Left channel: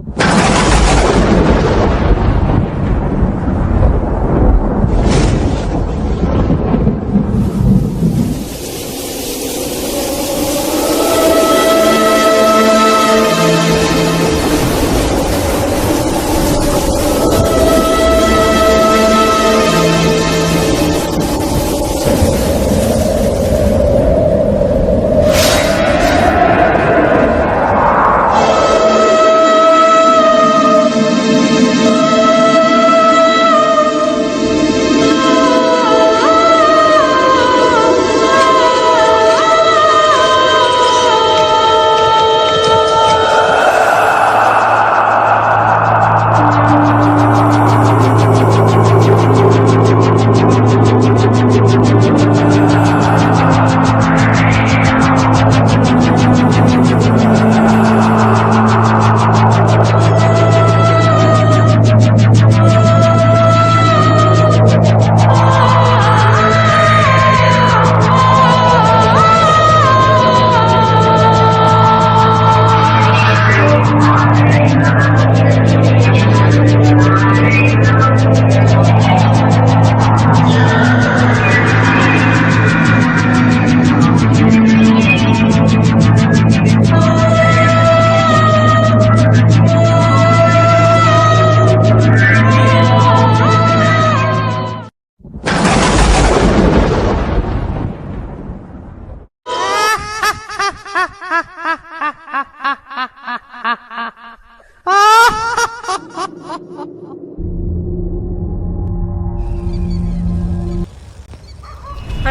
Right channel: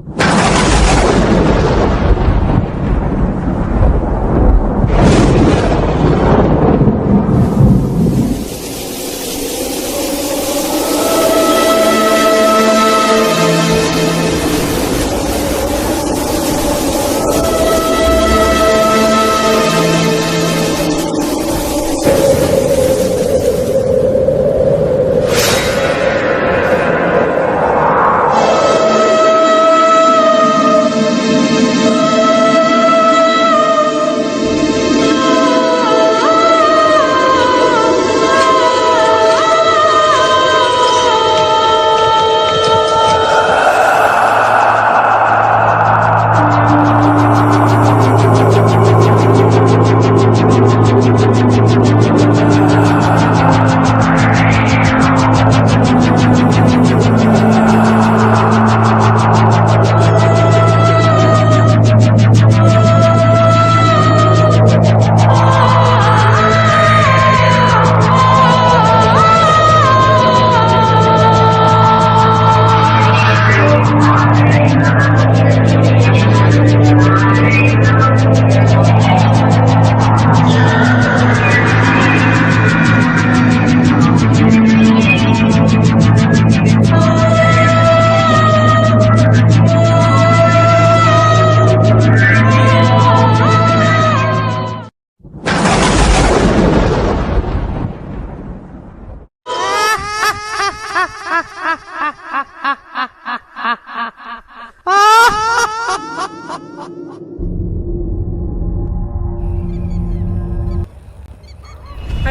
Hi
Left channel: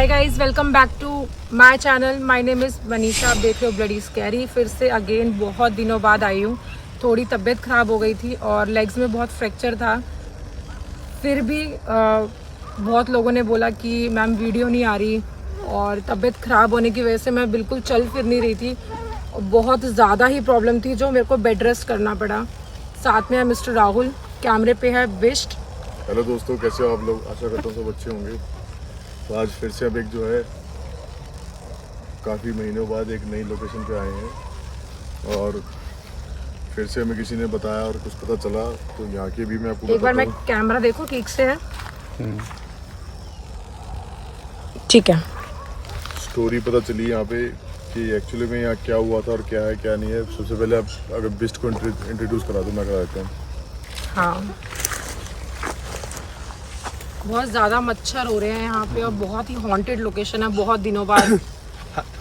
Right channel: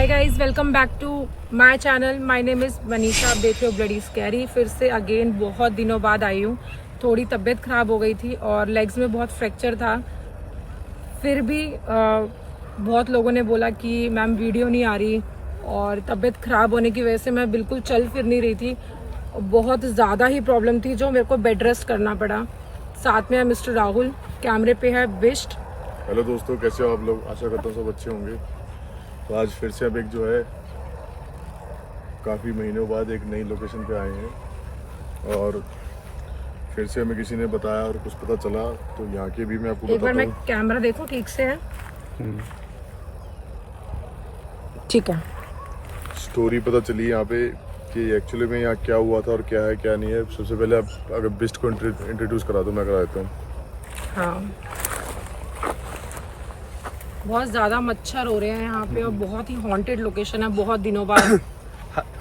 guys, welcome back to my channel. My name is Manisha. आप देख रहे हो ब्लडी स्कैरी। फिर से अगेन बहुत दिनों बाद आई हूँ। थोड़ी तबीयत ख़राब हो गई थी और लेग्स में बहुत फ्रैक्चर था। फिर भी बहुत लोगों ने बोला कि मैम वीडियो नहीं आ रही, और तबीयत ख़राब होने की वजह से मैं बिल्कुल चल फिर नहीं रही थी। बहुत ज़्यादा ही प्रॉब्लम थी जो मेरे को बेड रेस्ट करना पड़ा। साथ में है मिस्टर राहुल, कैमरे पे है बिस्ट। हेलो दोस्तों, कैसे हो आप लोग? आशा करता हूँ सब अच्छे होंगे। तो आज फिर से अब एक जो है काफ़ी महीनों बाद एक नई लोकेशन पे आए हैं, और फिर से हमें किसी ने बताया और कुछ पता चला, तो यहाँ के भी मैं आपको एक बार बताता मैं हूँ। कैमरा देखो ठीक से है, ठीक है। स्टोरी पता चली यहाँ पे कि एक्चुअली में यहाँ क्या हुआ था और क्या है क्या नहीं है। सबसे पहले आप अगर बिस्ट को इंट्रोड्यूस करा दो, मैं करा देता हूँ। हाँ, बहुत ज़्यादा मच्छर हो रहे हैं यहाँ पे और बहुत ही हॉन्टेड लोकेशन है बहुत दिनों बाद।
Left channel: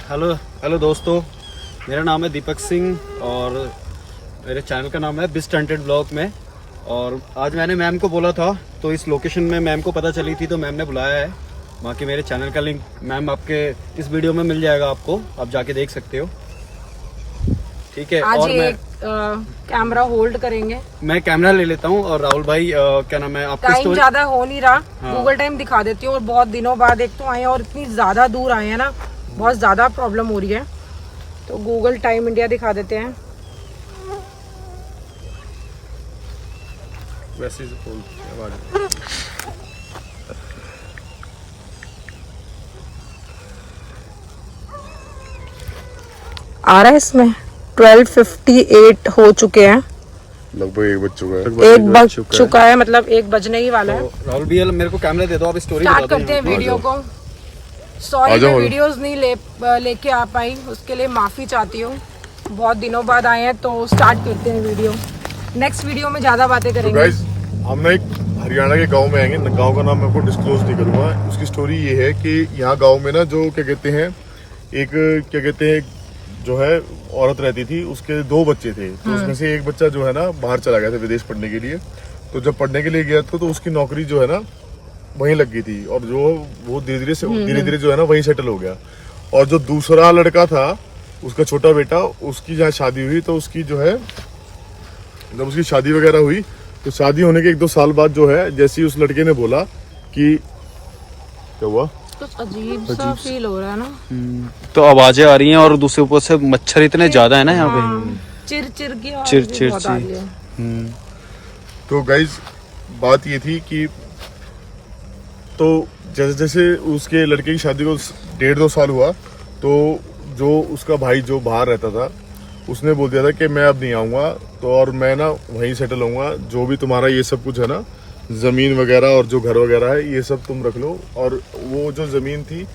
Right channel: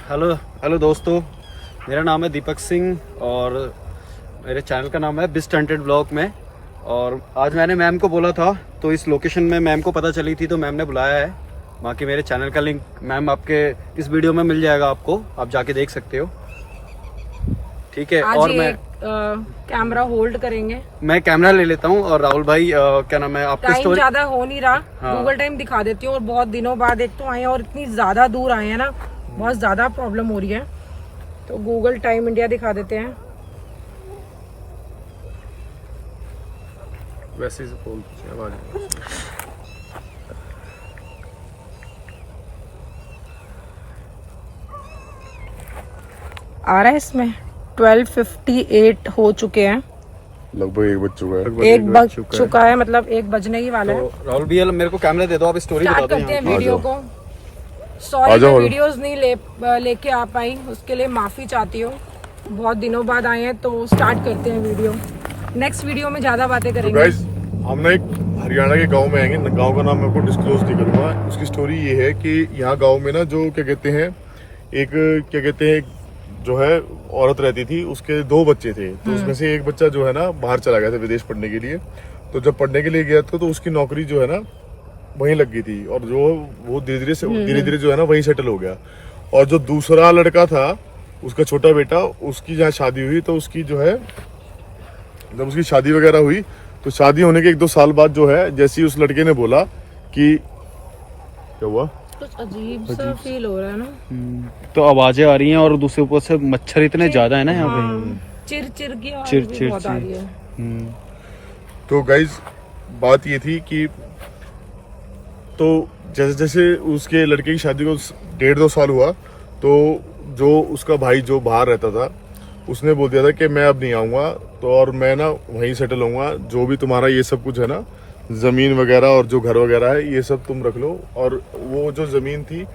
हेलो दोस्तों, मेरा नाम है दीपक सिंह और मेरे चैनल का नाम है बिस्ट हंटेड ब्लॉग में। और आज मैंने मैम को बोला था, तो इस लोकेशन में मैम को पता चली थी तो मैम ने बुलाया है। बाकी मेरे चैनल का लिंक मैम आपके इस वीडियो में मिल जाएगा, आपको आप जाके देख सकते हो, ठीक है। आज और मैं कैमरा होल्ड करेंगे। मैं कैमरा ले लेता हूँ और राहुल भाई क्या नाम है आपका टाइम ज्यादा हो नहीं रहा। हाँ। गूगल टाइम दिखा देती हूँ। और बहुत दिनों बाद एक तो आए हैं और इतनी ज्यादा दूर आए हैं ना, बहुत ज्यादा प्रॉब्लम हो रही है। तो गूगल टाइम इंडिया दिखा देते हैं। वैसे ही बोल आवाज आ रहा है इसमें 12:58 हो चुके हैं। लगभग 1 बज चुका है। 1 बज चुका है, मतलब 1 बजने ही वाला है। तो राहुल भैया मेरे को कैमरा दे दो, आप स्टोरी बता स्टार्ट दो। करते हैं यहाँ वीडियो आ को। सॉरी, आ जाओ। मैं वीडियोस नहीं लेके आ पाई, उसके लिए माफी चाहती हूँ। बहुत दिनों बाद आए हैं तो स्टार्ट करते हैं वीडियो। नेक्स्ट वीडियो में ज्यादा बातें तो करेंगे। गाइस, हम ना एक हरियाणा के गांव में आएंगे। गांव का नाम मैं आपको डिस्क्लोज नहीं करूंगा। उसकी स्टोरी ये है कि यहाँ गांव में ना जो क्या कहते हैं, एक क्या कहते हैं जो है औरत रहती थी, उसके 2 बच्चे थे। तो उसमें से एक बच्चा जो है ना बाहर चला गया था विदेश पढ़ने के लिए। तो जब पढ़ने के लिए गया था तो उसकी नौकरी जो है ना वहीं लग गई थी, और जो वो धीरे धीरे जो है ना वहीं सेटल हो गया। और जो दूसरा लड़का था, उसका छोटा बेटा, उसकी जहाँ शादी हुई, तो उसकी जो है जब उसकी शादी वगैरह हुई, तो शादी होने के 1-2 साल बाद जो है, जैसे ही उस लड़के ने बोला कि क्या हुआ, कुछ अजीब सा फील हो रहा है ना। तो आवाजें आ रही हैं और दूसरे ऊपर से मच्छर इतने ज्यादा है ना यहाँ पे। हाँ, चिर की आवाज चिर भी चिर बहुत आ रही है। तो गाइज बात ये थी कि तो जैसे जैसे उसके लड़के की शादी को 1.5-2 साल हुआ, तो जो उसका भाई जो बाहर रहता था, उसने बोल दिया था कि मैं अब नहीं आऊँगा, तो और मैं ना वहीं सेटल होऊंगा, जो भी तुम्हारा ये सब कुछ है ना, ज़मीन वगैरह और जो घर वगैरह है ये सब तुम रख लो। और वो जो ज़मीन थी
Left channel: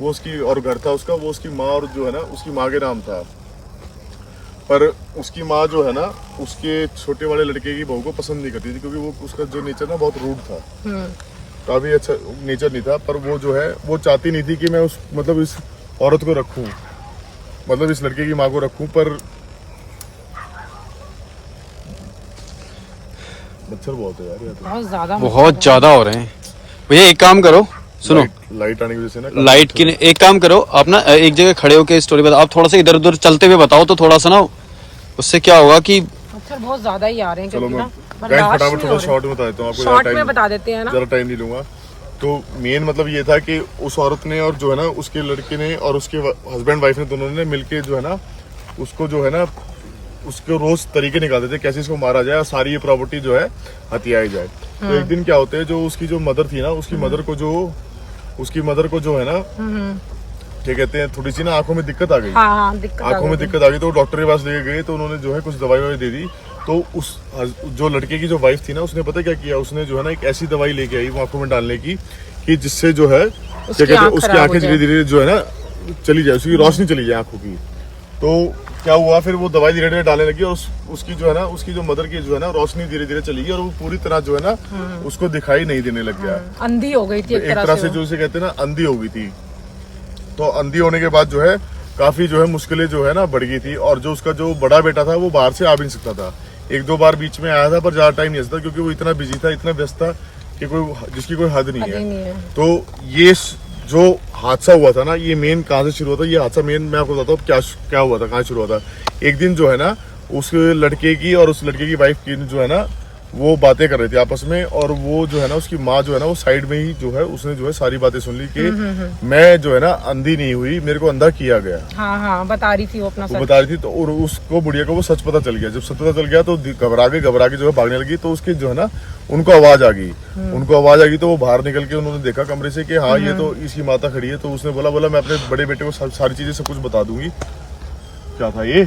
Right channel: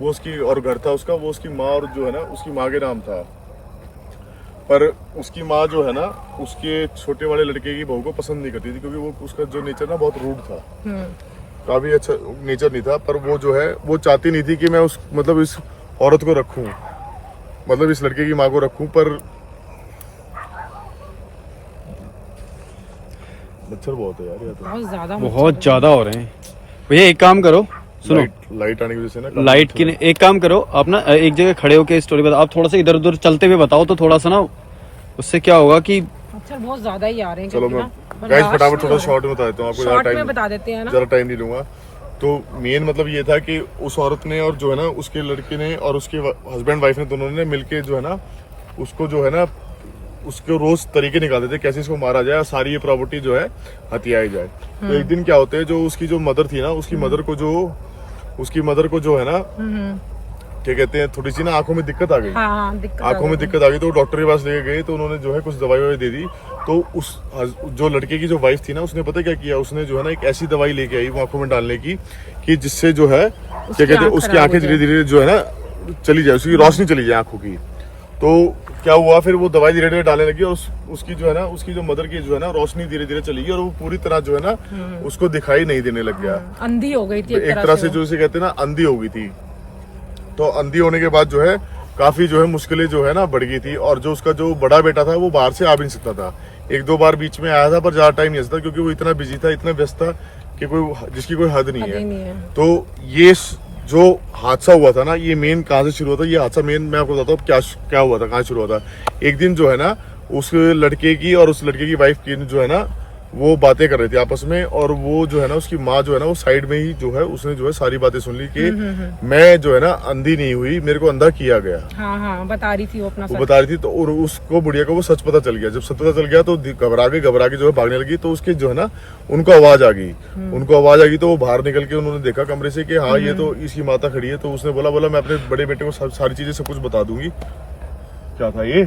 वो उसकी, और घर था उसका, वो उसकी माँ और जो है ना उसकी माँ के नाम था। पर उसकी माँ जो है ना उसके छोटे वाले लड़के की बहू को पसंद नहीं करती थी, क्योंकि वो उसका जो नेचर ना बहुत रूड था, काफी अच्छा नेचर नहीं था। पर वो जो है वो चाहती नहीं थी कि मैं उस मतलब इस औरत को रखूं, मतलब इस लड़के की माँ को रखूं। पर मच्छर बहुत है यार, या तो बहुत ज्यादा हो रहे हैं भैया। एक काम करो, सुनो, लाइट आने की वजह से ना लाइट की एक काम करो, आप ना एक जगह खड़े होकर स्टोरी बताओ। आप थोड़ा सा इधर उधर चलते हुए बताओ तो थोड़ा सा ना, उससे क्या होगा कि मच्छर बहुत ज्यादा ही आ रहे हैं। चलो मैं गाइस फटाफट थोड़ा शॉर्ट में बता देता हूँ आपको, शॉर्ट में बता देते हैं ना, ज़्यादा टाइम नहीं लूंगा। तो मेन मतलब ये था कि उस औरत ने और जो है ना उसके लड़के ने और उसके हस्बैंड वाइफ ने दोनों ने मिलके जो है ना उसको जो है ना उसको रोज तरीके निकालते थे कैसे इसको मारा जाए और सारी ये प्रॉपर्टी जो है हथियाई जाए। तो एक दिन क्या होते है, जो उसकी जो मदर थी ना, उसकी मदर को जो है ना क्या कहते हैं, थोड़ी सी ना आंखों में दिक्कत आ गई। आंखों में दिक्कत आ गई तो डॉक्टर के पास लेके गए, तो उन्होंने जो है कुछ दवाई दे दी। तो उस जो लड़के की जो वाइफ थी ना, उसने पता क्या किया, उसने जो है ना एक ऐसी दवाई लेके आई वो आंखों में डालने की कि जिससे जो है क्या कहते हैं उसकी आंखें धीरे धीरे जो है ना चली जाए, उसकी रोशनी चली जाए आंखों की। तो क्या हुआ, फिर वो दवाई धीरे धीरे डालने लगी और उसकी जो है ना उसकी जो मदर की जो है ना रोशनी धीरे धीरे चली गई और वो पूरी तरह जो है ना उसको दिखाई नहीं देने लग गया, अंधी हो गई थी एक तरह से जो इसे कहते हैं ना अंधी हो गई थी। तो अंधी होने के बाद जो है काफी जो है मुश्किलें जो है ना बढ़ गई थी। और जो उसका जो बड़ा बेटा था वो बाहर से आ भी नहीं सकता था, एक दो बार बीच में आया था पर ज्यादा टाइम नहीं सकता, क्योंकि वो इतना बिजी था, इतना व्यस्त था कि जिसकी कोई हद नहीं है। तो ये जो हादसा हुआ था ना, ये मेन कहाँ से शुरू हुआ था, ये हादसा मेन मैं आपको बताता हूँ क्या हुआ था, कहाँ शुरू हुआ था। एक दिन जो है ना उस लड़के की और उस लड़के की वाइफ की जो है ना वो बातें कर रहे थे आपस में, और वो जो है ना उसकी माँ जो है ना वो साइड में ही जो है उसने जो है सारी बातें सुन ली कि मैं जो है ना अंधी नहीं हुई, मेरे को अंधा किया गया। हाँ, बता रही थी वो अपना वो बता रही थी। तो और उसको बुढ़िया को वो सच पता चल गया। जब सच पता चल गया तो घबरा के जो है भागने लगी। तो उसके जो है ना उनको आवाज आ गई, तो वो बाहर निकल के उन्होंने देखा कमरे से कि हाँ ये तो इसकी माता खड़ी है। तो उसने बोला मैं अपने बड़े बेटे को सारी चीजें सब कुछ बता दूंगी। क्या था ये,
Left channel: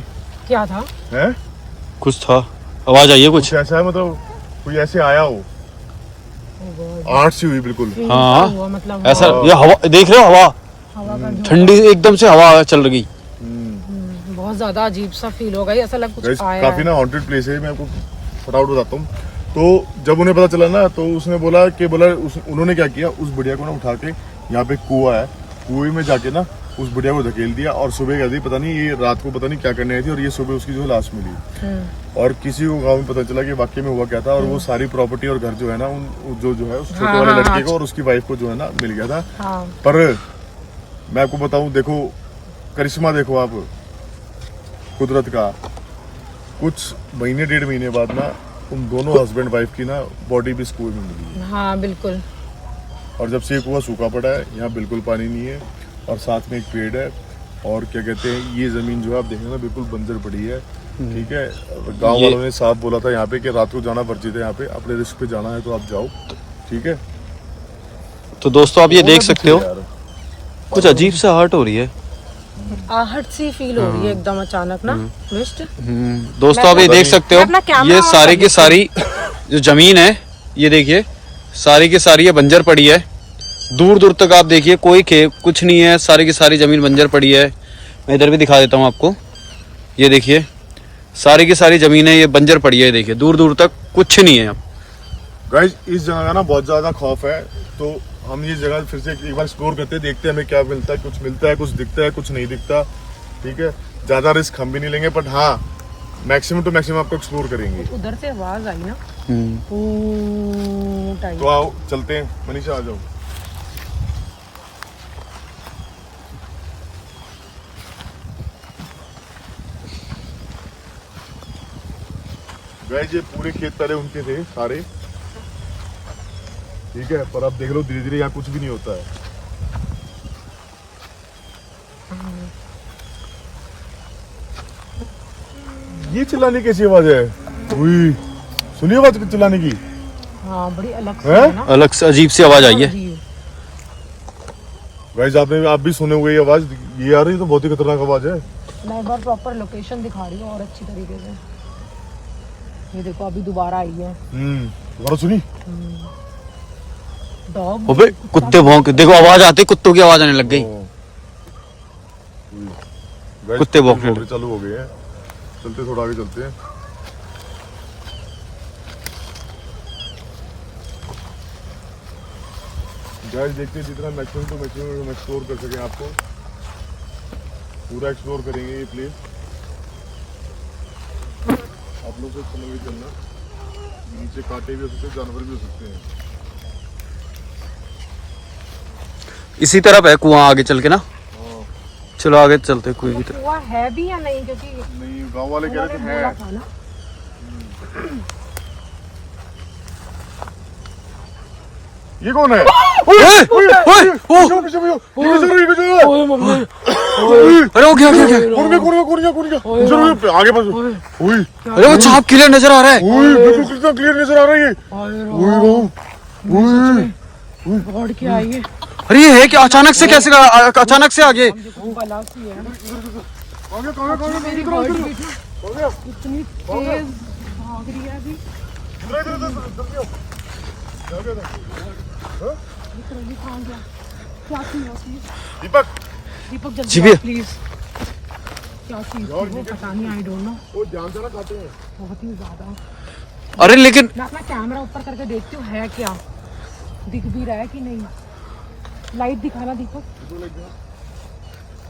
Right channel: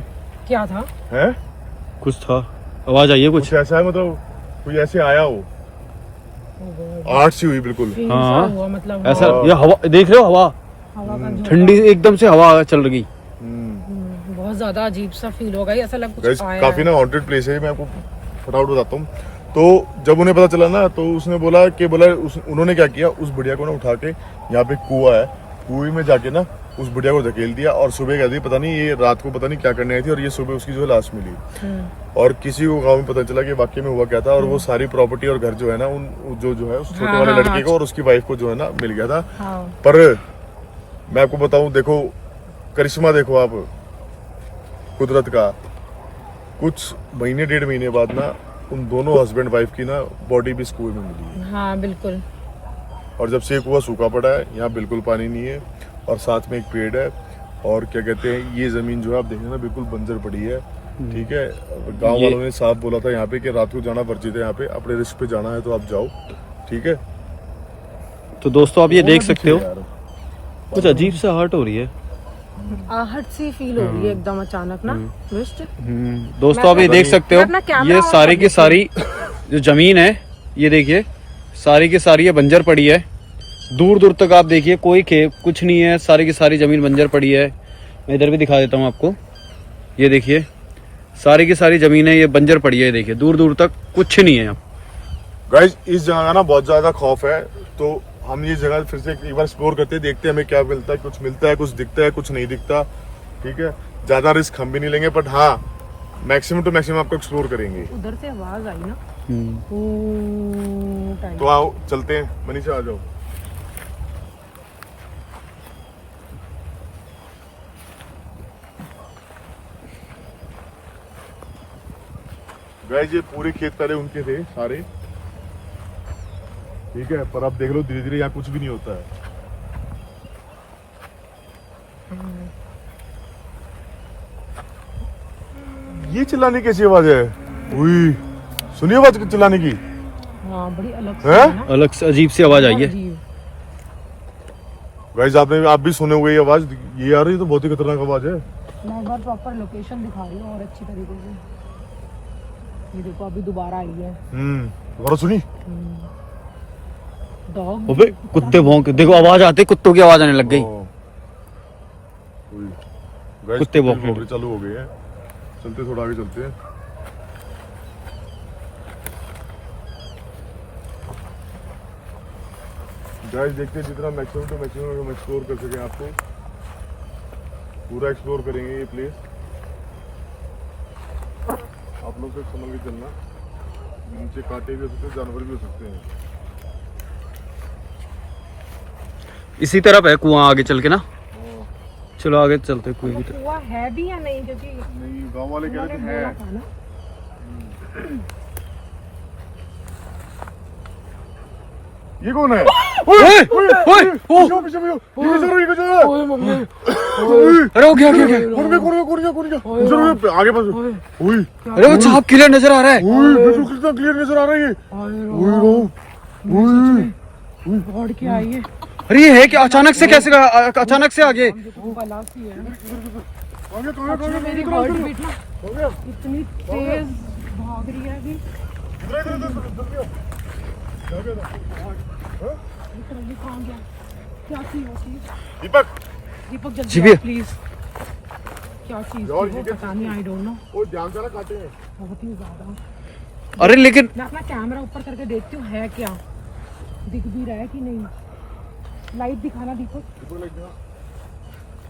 क्या था है, कुछ था, आवाज आई है कुछ ऐसा है, मतलब कोई ऐसे आया हो, आठ सी हुई बिल्कुल। हाँ मतलब ऐसा, ये हवा देख रहे हो, हवा ठंडी एकदम से हवा चल रही। बहुत ज्यादा अजीब सा फील होगा, ऐसा लग कुछ आया काफी ना हॉन्टेड प्लेस है। मैं आपको फटाफट बताता हूँ। तो जब उन्हें पता चला ना तो उसने बोला उन्होंने क्या किया, उस बुढ़िया को ना उठा के यहाँ पे कुआं है, कुएं में जाके ना उस बुढ़िया को धकेल दिया। और सुबह कहती पता नहीं ये रात को पता नहीं क्या करने आई थी, और ये सुबह उसकी जो लाश मिली। और किसी को गांव में पता चला कि वाकई में हुआ क्या था। और वो सारी प्रॉपर्टी और घर जो है ना उन जो है उस छोटे वाले लड़के को और उसकी वाइफ को जो है ना मिल गया था। पर मैं आपको बताऊं, देखो करिश्मा देखो आप कुदरत का, कुछ महीने डेढ़ महीने बाद ना उन दोनों हस्बैंड वाइफ की ना बॉडी भी इस कुएं में मिली है। हाँ बिल्कुल। और जब से ये कुआं सूखा पड़ा है, यहाँ बिल्कुल पानी नहीं है, और साथ में एक पेड़ है। और क्या कहते हैं, ये जमीन जो है आप देखेंगे ना बिल्कुल बंजर पड़ी है। ठीक है, गांव वालों ने साफ बोला था यहाँ पे कि रात को जाना वर्जित है, यहाँ पे अपने रिस्क पे जाना है तो आप जाओ। ठीक है, तो दोस्तों आप ये देख सकते हो, कुछ अजीब सा हर्ट हो रही है, आहट सी फील हो रही है एकदम अचानक ना। दोस्तों आप ये देख सकते हो, ये सारी की सारी जो जमीन है ये देखिए सारी की सारी ये बंजर पड़ी है। दूर दूर तक आप देखिए कोई कुछ नहीं है, सारी की सारी जमीन बंजर पड़ी है। मैं इधर भी दिखा देता हूँ आपको, ये देखिए सारी की सारी जमीन है ये बंजर पड़ी है। देखिए दूर दूर तक कुछ नहीं है। गाइस इस जगह का ना बहुत ज्यादा खौफ है, तो हम ये जगह फिर से एक बार एक्सप्लोर करते हैं, देखते हैं हमें क्या मिलता है। कुछ मिलता है, कुछ दिखता है, कुछ नहीं दिखता। ठीक है, ज्यादा रिस्क हम भी नहीं लेंगे, बट हाँ मैक्सिमम टू मैक्सिमम आपको एक्सप्लोर करेंगे। उधर से आवाज आई ना, तो आओ चलते हैं, मनीषा आ जाओ। गाइस ये पूरे खेत पहले उनके थे सारे। ठीक है, पर अब देख लो धीरे धीरे यहाँ कुछ भी नहीं होता है। ये चिल्लाने कैसी आवाज है? हुई, सुनिए आवाज चिल्लाने की। हाँ बड़ी अलग है? अलग से अजीब सी आवाज आई है। गाइस आप भी सुने हुए ये आवाज, ये आ रही है तो बहुत ही खतरनाक आवाज है। मैं एक बार प्रॉपर लोकेशन दिखा रही हूँ और अच्छी तरीके से। ये देखो अभी दोबारा आई है। दोबारा सुनी? डॉग। अबे कुत्ते भौंक, देखो आवाज आती है, कुत्तों की आवाज आने लग गई। गाइस कुत्ते भौंकने चालू हो गए हैं। चलते थोड़ा आगे चलते हैं। गाइस देखते हैं जितना मैक्सिमम तो मैक्सिमम हम एक्सप्लोर कर सकें, आपको पूरा एक्सप्लोर करेंगे ये प्लेस। आप लोग से संभल के चलना, नीचे कांटे भी हो सकते हैं, जानवर भी हो सकते हैं। इसी तरफ है कुआं आगे चल के ना। हाँ। चलो आगे चलते कुएं की तरफ। कुआं है भी या नहीं, क्योंकि नहीं गांव वाले कह रहे थे बोला है। था ना। ये कौन है? ओए ओए ओ पीछे मम्मी। अरे वो क्या क्या क्या कुड़िया आगे बढ़। ओए अरे वो सांप क्लियर नजर आ रहा है। बिल्कुल कितना क्लियर नजर आ रहा है ये। गॉड क्या आई है? अरे ये है कि अचानक से कैसे अचानक से आगे। बला सी है। कहां मेरी हार्ट बीट ना इतनी तेज भाग रही है अभी। लिटरली कहां गया? क्या चीज होती है? दीपक दीपक जी जल्दी भैया। प्लीज। क्या चीज थी वो, पता नहीं, आई डोंट नो। वो ध्यान से ना काटे हैं। बहुत ही ज्यादा। अरे लेकिन मैं अपना कैमरा ऊपर करके देखती हूँ है क्या, दिख भी रहा है कि नहीं। लाइट दिखाना दीपक। लग गया।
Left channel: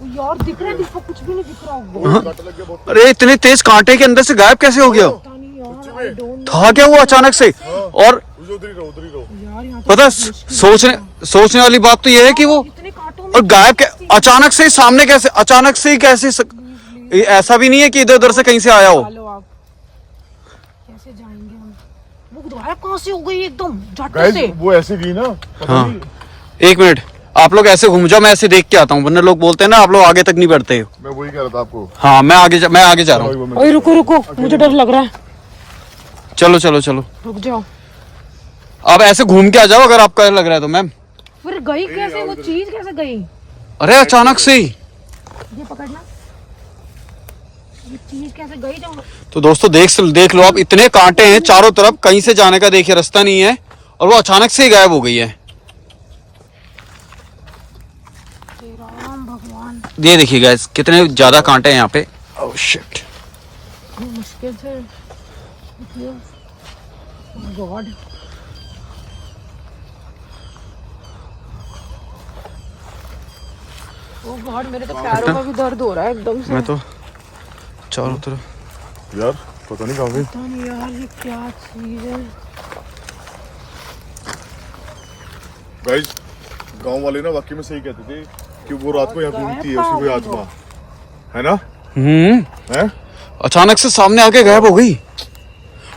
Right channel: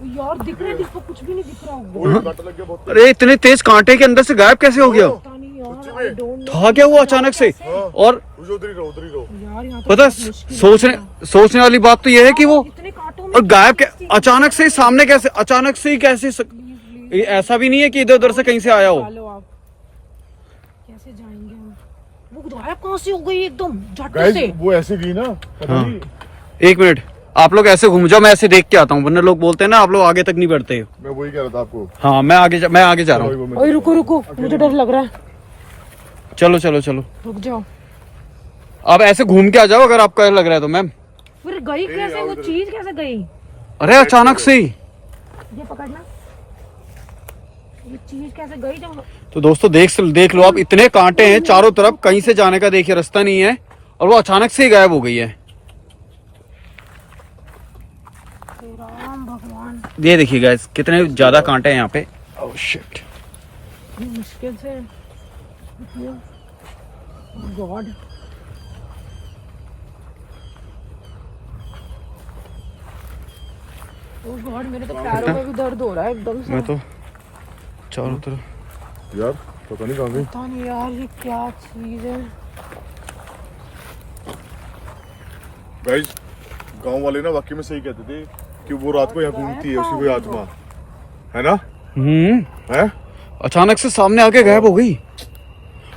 वो यार दिख रहा है दीपक, कुछ भी नहीं दिख रहा होगा। वो कांटा लग गया बहुत। अरे इतने तेज कांटे के अंदर से गायब कैसे हो गया? पता नहीं यार, आई डोंट नो। था क्या वो अचानक से? और उधर ही रहो। यार यहाँ तो पता बहुत मुश्किल है। सोचने वाली बात तो ये है कि वो इतने कांटों में और गायब अचानक से ही सामने कैसे, अचानक से ही कैसे ये ऐसा भी नहीं है कि इधर उधर से कहीं से आया हो। चलो आप कैसे जाएंगे हम? वो गायब कहाँ से हो गई एकदम झट गाइस से? वो ऐसे गई ना, पता हाँ। नहीं। एक मिनट, आप लोग ऐसे घूम जाओ, मैं ऐसे देख के आता हूँ, वरना लोग बोलते हैं ना आप लोग आगे तक नहीं बढ़ते हो। मैं वही कह रहा था आपको। हाँ मैं आगे जा रहा हूँ। ओए रुको रुको, मुझे डर लग रहा है। चलो चलो चलो, रुक जाओ। आप ऐसे घूम के आ जाओ अगर आपका लग रहा है तो। मैम फिर गई कैसे वो चीज, कैसे गई? अरे अचानक से ही। ये पकड़ना, ये चीज कैसे गई जो? तो दोस्तों देख लो आप, इतने कांटे हैं चारों तरफ, कहीं से जाने का देखिए रास्ता नहीं है, और वो अचानक से ही गायब हो गई है। राम भगवान, ये देखिए गाइस कितने ज्यादा कांटे हैं यहाँ पे। ओह शिट, मुश्किल से। गॉड, ओ गॉड, मेरे तो पैरों का भी दर्द हो रहा है एकदम से। मैं तो चारों तरफ यार पता नहीं कहाँ गई। पता नहीं यार ये क्या चीज है। गाइस गांव वाले ना वाकई में सही कहते थे कि वो रात को यहाँ घूमती है, उसकी कोई आत्मा है ना। है अचानक से सामने आके गायब हो गई,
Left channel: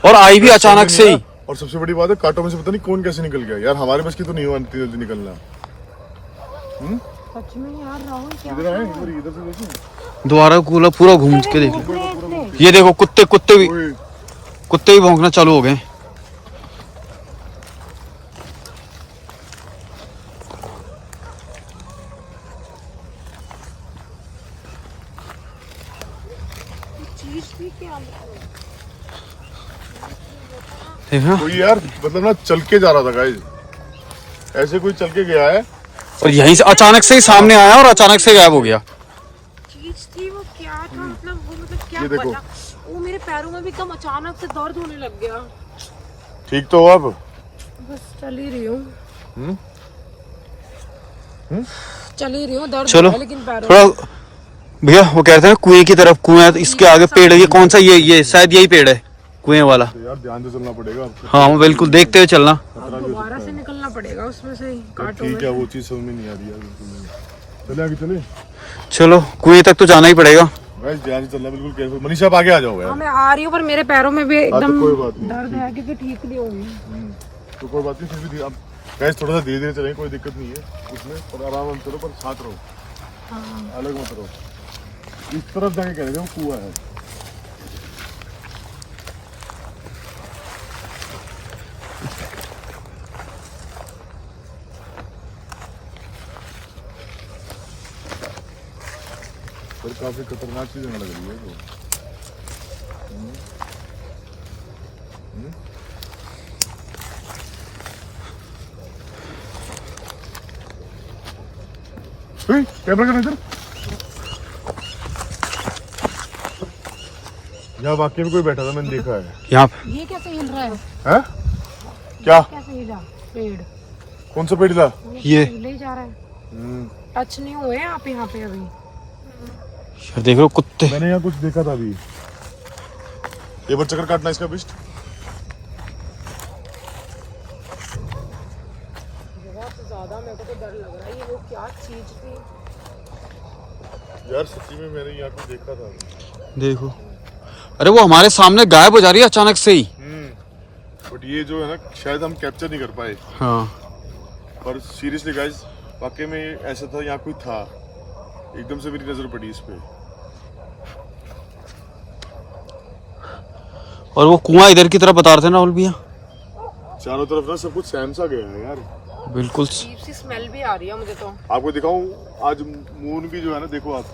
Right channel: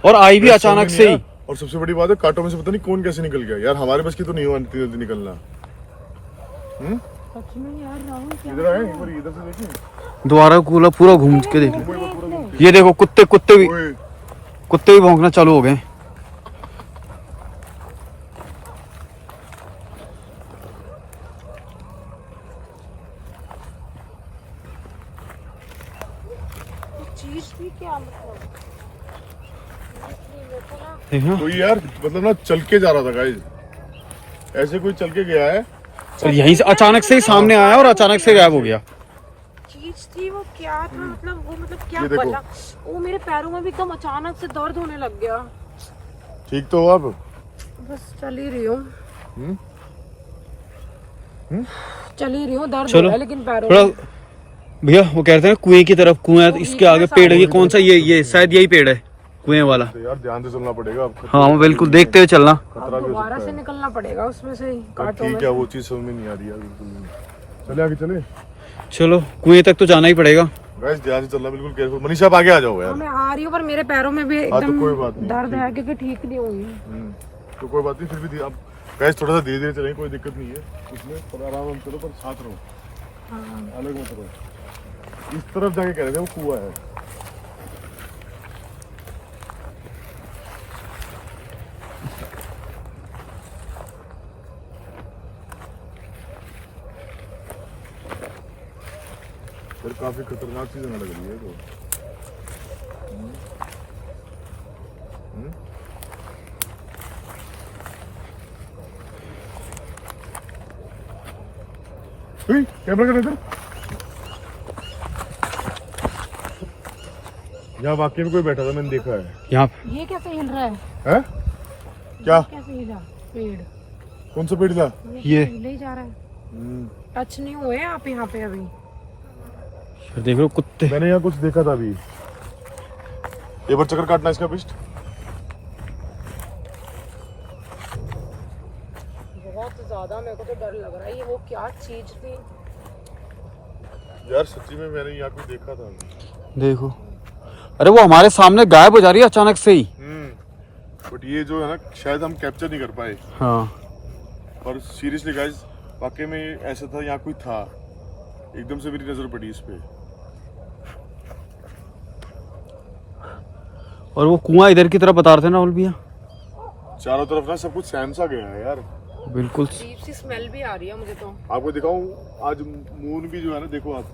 और आई भी अचानक से ही। और सबसे बड़ी बात है कांटों में से पता नहीं कौन कैसे निकल गया। यार हमारे बस की तो नहीं हुआ इतनी जल्दी निकलना। सच में यार राहुल क्या? इधर आए, इधर से देखें। दोबारा पूरा घूम के देख लो। ये देखो कुत्ते भी भौंकना चालू हो गए। देखा? कोई यार मतलब ना चल के जा रहा था गाइस, ऐसे कोई चल के गया है और यहीं से अचानक से ही सामने आया और अचानक से गायब हो गया। चीज थी वो, क्या था मतलब वो, मुझे क्या ये देखो। पता। वो मेरे पैरों में भी एकदम अचानक से दर्द होने लग गया। ठीक तो हो अब? बस चल ही रही हूँ। चल ही रही हूँ, दर्द चलो हो रहा है लेकिन पैरों थोड़ा में। भैया, वो कहते हैं कुएं की तरफ, कुएं इसके आगे पेड़ है, ये कौन सा, ये शायद यही पेड़ है कुएं वाला। यार ध्यान से चलना पड़ेगा आपको। हाँ वो बिल्कुल देखते हुए चलना। अब दोबारा से निकलना पड़ेगा उसमें से कांटों ठीक में। है, वो चीज समझ में नहीं आ रही है बिल्कुल नहीं। चले आगे चले। चलो कुएं तक तो जाना ही पड़ेगा। गाइस ध्यान से चलना, बिल्कुल केयरफुल। मनीषा आप आगे आ जाओ हाँ यार। मैं आ रही हूँ, पर मेरे पैरों में भी एकदम कोई बात नहीं। दर्द है क्योंकि ठीक नहीं हुई। तो कोई बात नहीं, फिर भी आप गाइस थोड़ा सा धीरे धीरे चलें, कोई दिक्कत नहीं है उसमें, पर आराम से चलो, पर साथ रहो, हाँ अलग मत रहो। इस तरफ जाके कह रहे थे वो कुआं है। काफी खतरनाक चीज लग रही है तो। कैमरा कर इधर। यहाँ वाकई में कोई बैठा था, मैंने देखा है। यहाँ ये कैसे हिल रहा है? हैं? क्या? कैसे हिला पेड़? कौन सा पेड़ था? ये हिले ही जा रहा है। टच नहीं हुए आप यहाँ पे अभी? देख लो कुत्ते। मैंने यहाँ कुछ देखा था अभी। एक बार चक्कर काटना इसका बिस्ट। बहुत ज्यादा मेरे को तो डर लग रहा है। ये वो क्या चीज थी? यार सच्ची में मैंने यहाँ कुछ देखा था अभी। देखो, अरे वो हमारे सामने गायब हो जा रही है अचानक से ही। बट ये जो है ना शायद हम कैप्चर नहीं कर पाए। हाँ पर सीरियसली गाइस वाकई में ऐसा था, यहाँ कोई था। एकदम से मेरी नजर पड़ी इस पे। और वो कुआं इधर की तरफ बता रहे थे ना राहुल भैया। चारों तरफ ना सब कुछ सहम सा गया है यार। बिल्कुल। अजीब सी स्मेल भी आ रही है मुझे तो। आपको दिखाऊं, आज मून भी जो है ना, देखो आप।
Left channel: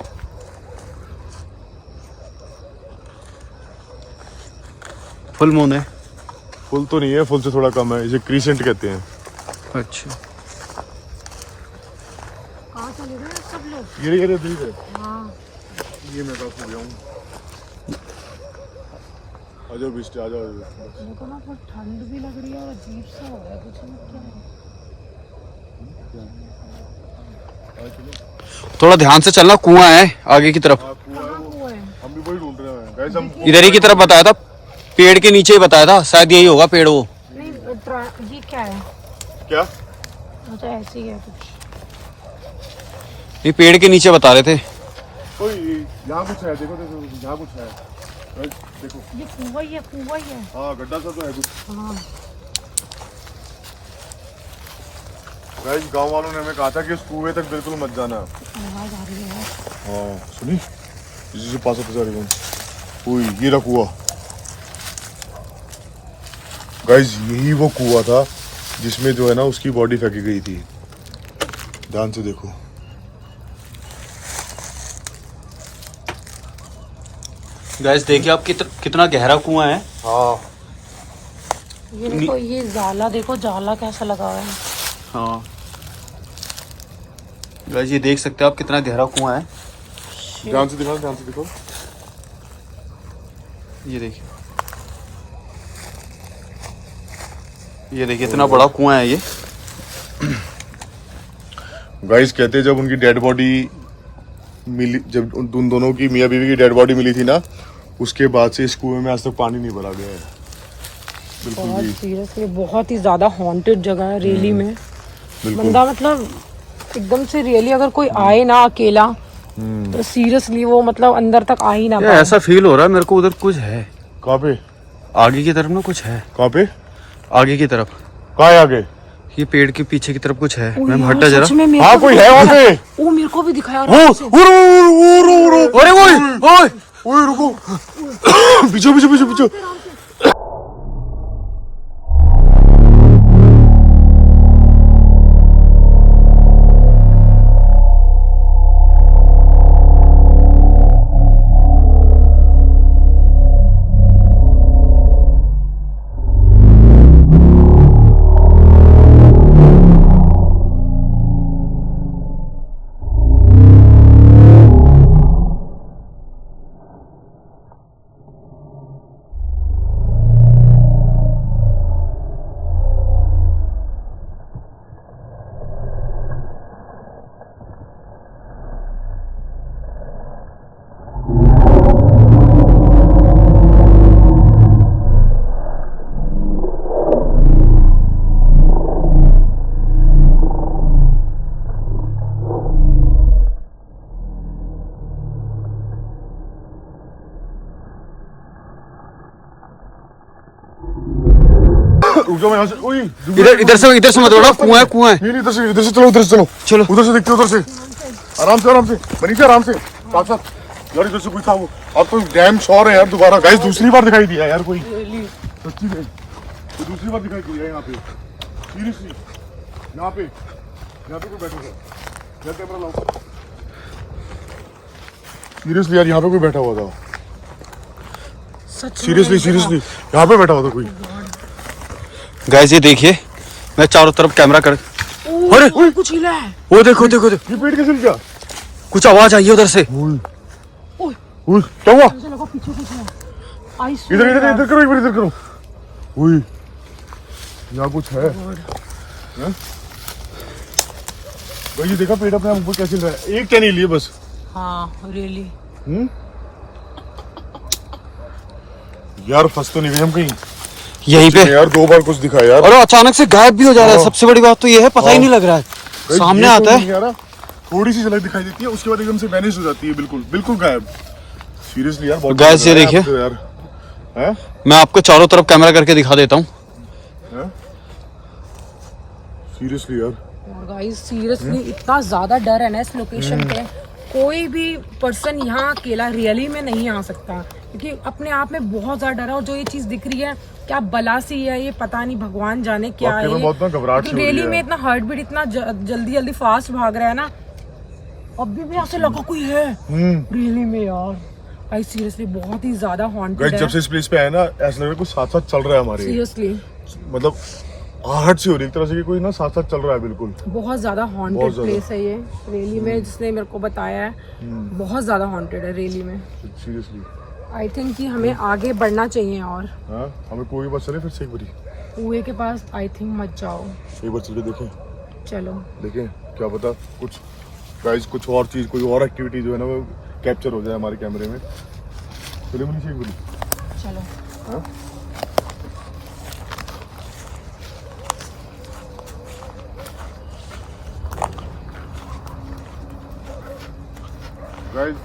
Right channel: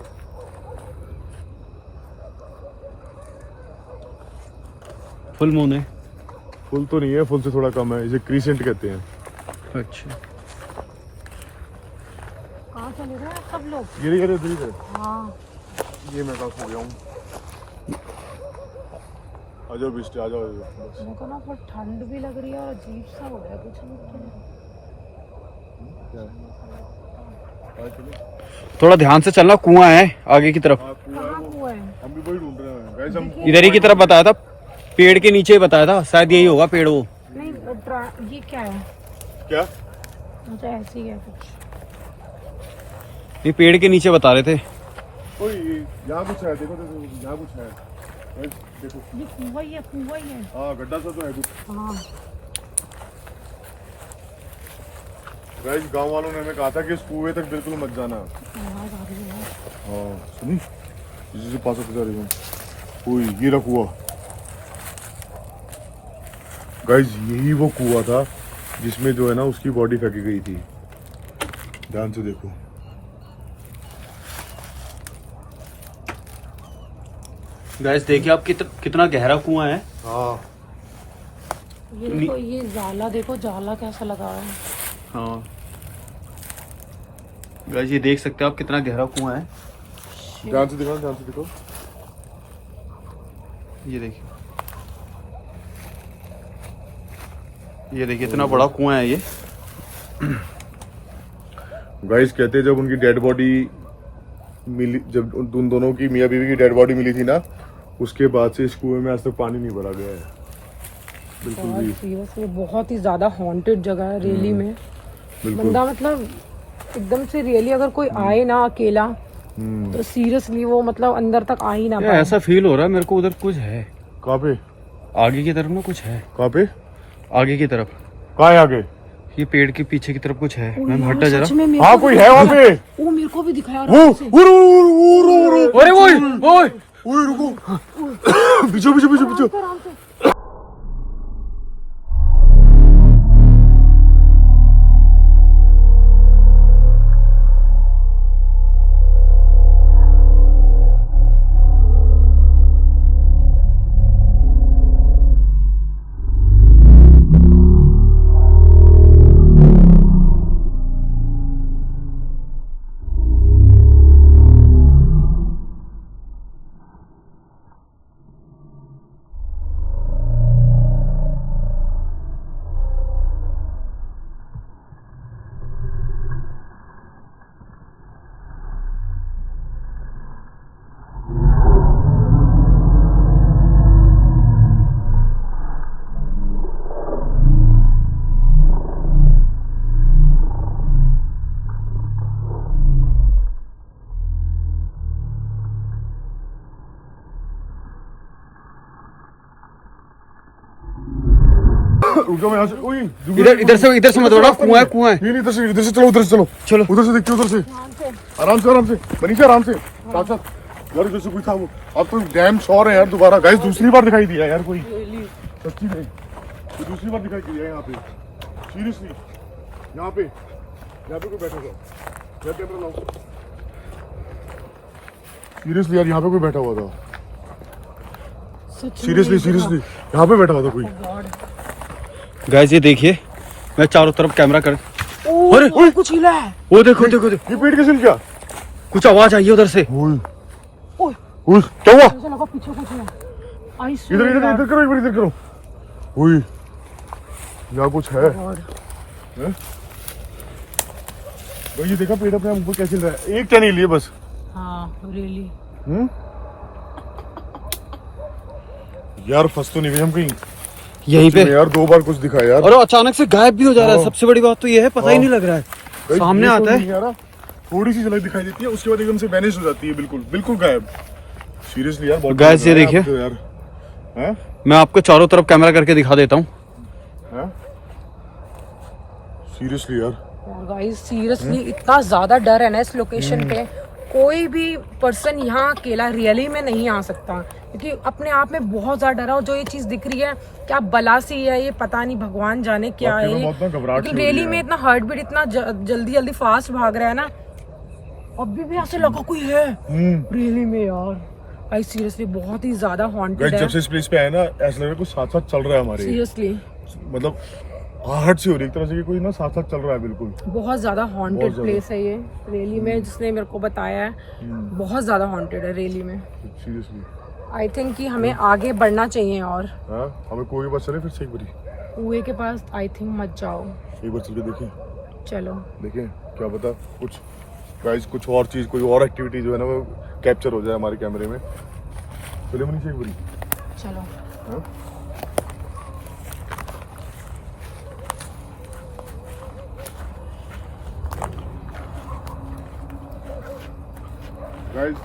फुल मून है। फुल तो नहीं है, फुल से थोड़ा कम है। इसे क्रीसेंट कहते हैं। अच्छा, कहाँ चले गए सब लोग? ये इधर इधर। हाँ ये मैं कहाँ खो गया हूँ। आ जाओ बिस्ट, आ जाओ। मेरे को ना फिर ठंड भी लग रही है और अजीब सा हो रहा है कुछ। नहीं क्या है? क्या? चलो। थोड़ा ध्यान से चलना, कुआं है आगे की तरफ। हाँ, कुआं है कहाँ वो। हुआ है? हम भी वही ढूंढ रहे हैं गाइस। हम इधर ही की तरफ बताया था, पेड़ के नीचे ही बताया था। शायद यही होगा पेड़ वो। नहीं ये क्या है? क्या? मुझे ऐसे ही है कुछ। ये पेड़ के नीचे बता रहे थे। ओए यहाँ कुछ है, देखो देखो यहाँ कुछ है। गाइस देखो। ये कुआं ही है, कुआं ही है। हाँ गड्ढा सा तो है कुछ। हाँ गाइस गांव वालों ने हमें कहा था कि इस कुएं तक बिल्कुल मत जाना। आवाज आ रही है। हाँ सुनी, इसी से पास जा रही हूँ। ओए ये रहा कुआं। गाइस यही वो कुआं था जिसमें जो है ना उसकी बॉडी फेंकी गई थी। ध्यान से देखो। गाइस देखिए आप कितना गहरा कुआं है। हाँ ये देखो, ये जाला देखो, जाला कैसा लगा हुआ है। हाँ गाइस ये देख सकते हो आप कितना गहरा कुआं है। ध्यान से देखो, ध्यान से देखो। ये देखिए, ये देखिए इतना बड़ा कुआं है ये। गाइस कहते हैं जब उनकी डेड बॉडी मिली, जब उन दोनों की मियां बीवी की डेड बॉडी मिली थी ना, उसके बाद से इस कुएं में आज तक पानी नहीं भरा गया है बिल्कुल भी। बहुत सीरियसली बहुत ही ज्यादा हॉन्टेड जगह है रियली में। बिल्कुल। बंदा मतलब एकदम से रियली अगर कोई आए ना अकेला तो सीरियसली वो मतलब अंदर तक आ ही ना ये ऐसा फील हो रहा है मेरे को उधर कुछ है। कहाँ पे? आगे की तरफ ना कुछ है। कहाँ पे? आगे की तरफ। कहाँ है आगे? ये पेड़ के पीछे की तरफ कुछ है। मैम हटा जरा। हाँ कोई है वहाँ पे। वो मेरे को भी दिखाया। अरे ओए ओए ओए रुको। पीछे पीछे पीछे पीछे। रुक जाओ, मैं यहाँ से। ओए इधर से मत उड़ा, कुआं है कुआं है। नहीं इधर से चलो, उधर से चलो। चलो। उधर से देखते हो, उधर से आराम से मनीषा आराम से। साथ साथ यार इधर से कोई था वो। अब तो डैम श्योर है यार दोबारा। गाइस दूसरी बार दिखाई दिया यार कोई, सच्ची में तो दूसरी बार दिखाई दिया यहाँ पे सीरियसली। यहाँ पे कोई बैठेगा। कैमरा लाओ। सीरियसली यार यहाँ पे कोई बैठा हुआ था, सच में सीरियसली यहाँ पे बैठा हुआ था कोई। गाइस ये देखिए, मैं चारों तरफ कैमरा कर, ओ, अरे! कुछ हिला है। वो देखो देखो देखो, ये पेड़ कैसे हिल गया? कुछ आवाज आई है उधर से। उई, क्या हुआ? ऐसा लगा पीछे कुछ है। आई इधर इधर इधर करो, एक बार इधर करो। उई, यहाँ कुछ है। हैं? भाई ये देखा पेड़ अपने ऊपर कैसे हिल रहा है, एक क्या नहीं लिए बस। हाँ रियली। यार फंस तो नहीं गए हम कहीं? यहीं पे यार 2 बार कुछ दिखा यार। और अचानक से गायब भी हो जा रहा है। सबसे बड़ी बात तो ये है, पता ही नहीं लग रहा है। भाई, सामने ये आता तो है, नहीं आ रहा। थोड़ी सी झलक दिखाई देती है, उसके बाद एकदम से वैनिश हो जाती है, बिल्कुल बिल्कुल गायब। सीरियसली यार बहुत Guys, ये देखिए। यार हैं? मैं आपको चारों तरफ कैमरा करके दिखा देता हूँ। हैं? सीरियसली यार और गाइस सीरियसली इतना ज्यादा डर है ना इस लोकेशन पे, कोई भी पर्सन यहाँ अकेला रियली में नहीं आ सकता, क्योंकि अपने आप में बहुत ज्यादा डर है। और जो ये चीज दिख रही है क्या बला सी है, ये पता नहीं भगवान जाने क्या वाकई में है। बहुत ना घबराहट सी हो रही रियली है। में इतना हार्ट बीट इतना जल्दी जल्दी फास्ट भाग रहा है ना, अभी भी ऐसे लगा कोई है रियली में यार। भाई सीरियसली बहुत ही ज्यादा हॉन्टेड गाइस है जब से इस प्लेस पे आए ना, ऐसा लग रहा है कुछ साथ साथ चल रहा है हमारे। सीरियसली। मतलब आहट सी हो रही है एक तरह से कि कोई ना साथ साथ चल रहा है बिल्कुल। बहुत ज्यादा हॉन्टेड बहुत ज्यादा। प्लेस है ये रियली में, जिसने मेरे को बताया है बहुत ज्यादा हॉन्टेड है रियली में। सीरियसली आई थिंक कि हमें आगे बढ़ना चाहिए और हाँ, हमें कोई बात चले फिर से एक बारी, कुएं के पास आई थिंक मत जाओ। एक बार चल के देखें, चलो देखें क्या पता कुछ गाइस कुछ और चीज, कोई और एक्टिविटी जो है ना वो कैप्चर हो जाए हमारे कैमरे में। चलिए मनीषा एक बारी। चलो। हाँ? गाइस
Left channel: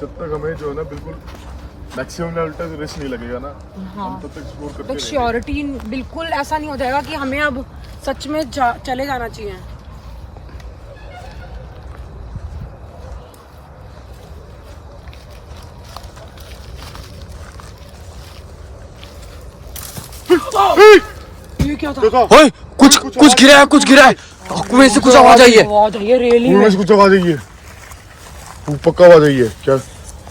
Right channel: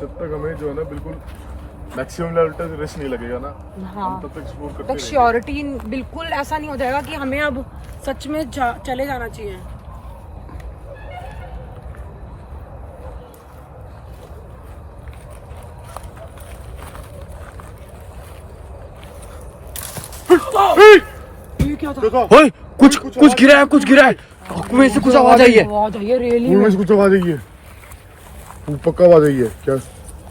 जब तक हमें जो है ना बिल्कुल मैक्सिमम लेवल तक रिस्क नहीं लगेगा ना, हाँ। हम तब तक एक्सप्लोर करते तक रहेंगे। श्योरिटी बिल्कुल ऐसा नहीं हो जाएगा कि हमें अब सच में चले जाना चाहिए। ये क्या था? देखो ओए, कुछ गिरा है, कुछ गिरा है। कुएं से कुछ आवाज आई है। आवाज आई है रियली पूरे में। से कुछ आवाज आई है, तू पक्का आवाज आई है क्या?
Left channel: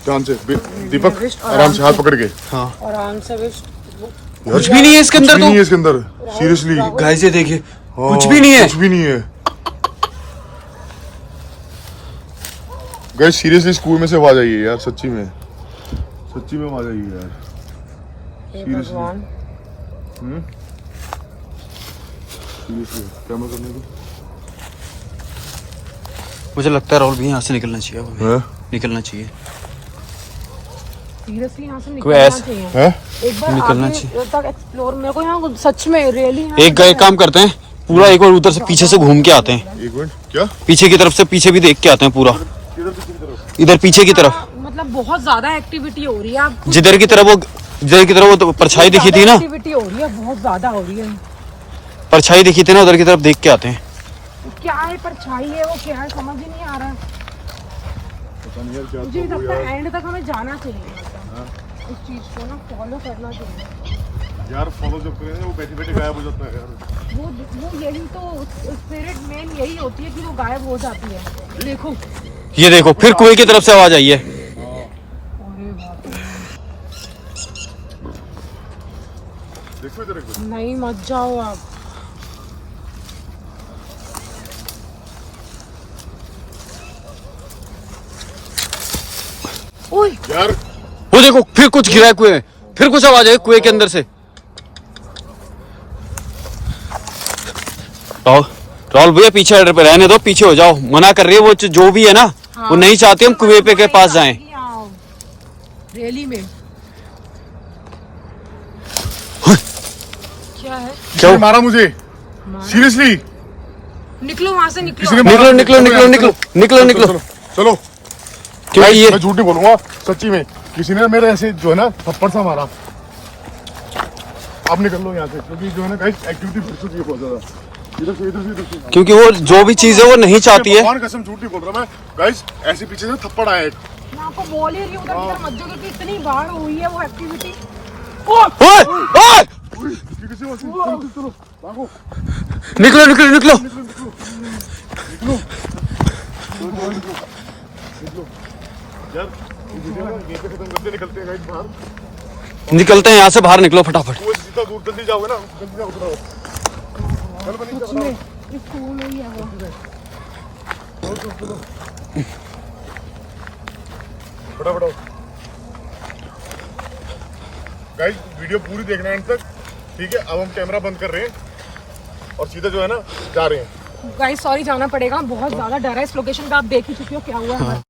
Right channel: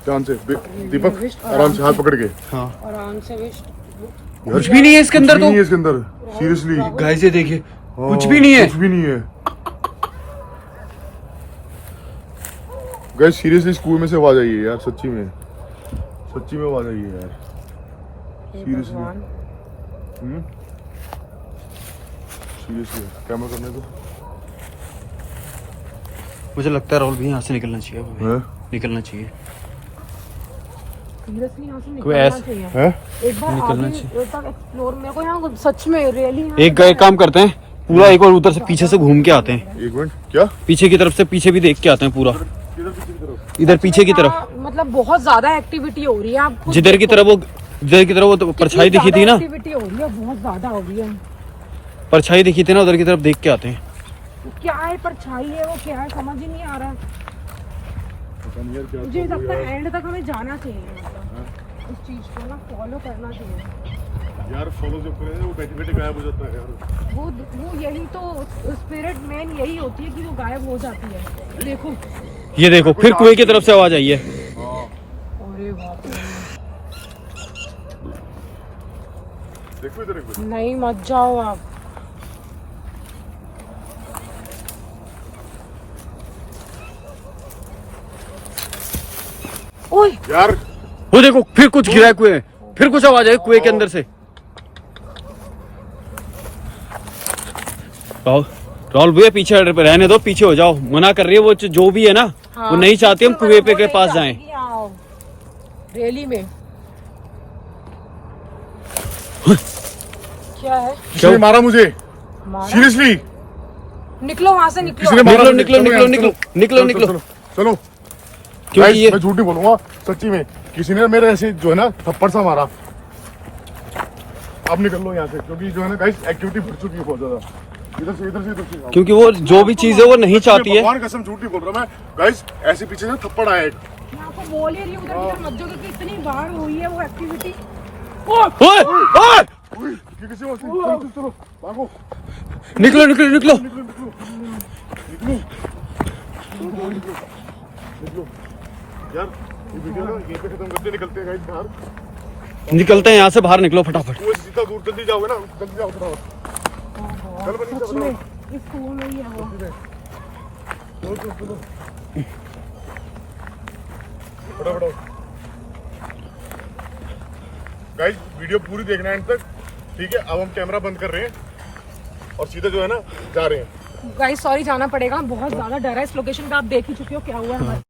ध्यान से दीपक, आराम से हाथ पकड़ के। हाँ, आराम से विश। कुछ भी नहीं है इसके अंदर कुछ भी तो। नहीं है इसके अंदर सीरियसली। गाइस ये देखिए, कुछ भी नहीं है। कुछ भी नहीं है गाइस, सीरियसली स्कूल में से आवाज आई है यार, सच्ची में आवाज आई है यार। हे Seriously? भगवान। सीरियसली कैमरा करने को मुझे लगता है राहुल भी यहाँ से निकलना चाहिए, हमें हैं? निकलना चाहिए। सीरियसली यहाँ से कोई निकलना ऐस- चाहिए। हैं? एक बार निकलना आगे चाहिए। तक एक्सप्लोर, मेरे को यहाँ सच में रियली एक काम करते हैं, पूरा एक बार उधर से पीछे से घूम के आते हैं। एक मिनट, क्या पीछे की तरफ से पीछे भी देख के आते हैं पूरा, किधर पीछे की तरफ? इधर पीछे की तरफ। मतलब बहुत ज्यादा एक्टिविटी हो रही है। आप जिधर की तरफ वो तो परछाई दिखी थी ना, एक्टिविटी हो रही है, बहुत ज्यादा हो रही है। परछाई दिखी थी ना, उधर की तरफ देख के आते हैं। क्या है परछाई है, वो क्या है समझ ही नहीं आ रहा। पता नहीं यार क्या मुझे था वो लगता यार। है एंड तक हमें जाना चाहिए, मतलब इस चीज को ना फॉलो करना चाहिए। यार फॉलो जब करें वो बैठे बैठे गायब हो जाता है यार। वो यही तो स्पिरिट मेन यही होती है कि वो गायब हो जाती है। देखो ये देखो, फिर कुएं की तरफ से आवाज आई है। अरे बाप रे। देखो इधर एक बार। नहीं मत जाओ आप। ओए यार वो देखो, फिर कुछ गिरा है कुएं में, फिर कुछ आवाज आई कुएं के अंदर से। राहुल भैया पीछे रहने दो, पीछे हो जाओ। मना कर रही है वो, जो भी है ना, वो नहीं चाहती हम कुएं पे के पास जाएं। रैली में क्या है? किसी ने मारा मुझे, सीरियसली निकलो वहां से, किसी ने निकलो। मारा निकलो, मुझे। निकलो, चलो निकलो, यार, निकलो, निकलो। चलो क्योंकि Guys, ये मैं झूठ नहीं बोलूंगा, सच्ची में किसी ने मेरे ऐसे जो है ना थप्पड़ सा मारा। अब निकल लो यहाँ से, क्योंकि जो है ना गाइस एक्टिविटी बढ़ चुकी है बहुत ज्यादा। इधर से इधर से क्योंकि वो जो भी चीज है वो नहीं चाहती है। भगवान कसम झूठ नहीं बोल रहा मैं गाइस, ऐसे पीछे से थप्पड़ आया एक। मैं आपको बोल ही रही हूँ उधर मत जाओ, क्योंकि इतनी बार हुई है वो एक्टिविटी। ओए, ओए! किसी और से- चलो, चलो, भागो, निकलो, निकलो, निकलो। निकलो, निकलो, निकलो, निकलो, निकलो। निकलते हैं गाइस बाहर। निकलते हैं यहाँ से, बाहर निकलो फटाफट। वो जितना दूर जल्दी जाओगे ना जल्दी जाओगे। चल बनी सच में इस स्कूल में ही है वो। फटाफट गाइस, वीडियो पूरी देखना है एंड तक, ठीक है। अब हम कैमरा बंद कर रहे हैं और सीधा जो है ना जा रहे हैं। गाइस सॉरी जाना पड़ेगा, बहुत ज्यादा डर है इस लोकेशन का, आप देख ही चुके हो क्या हुआ है।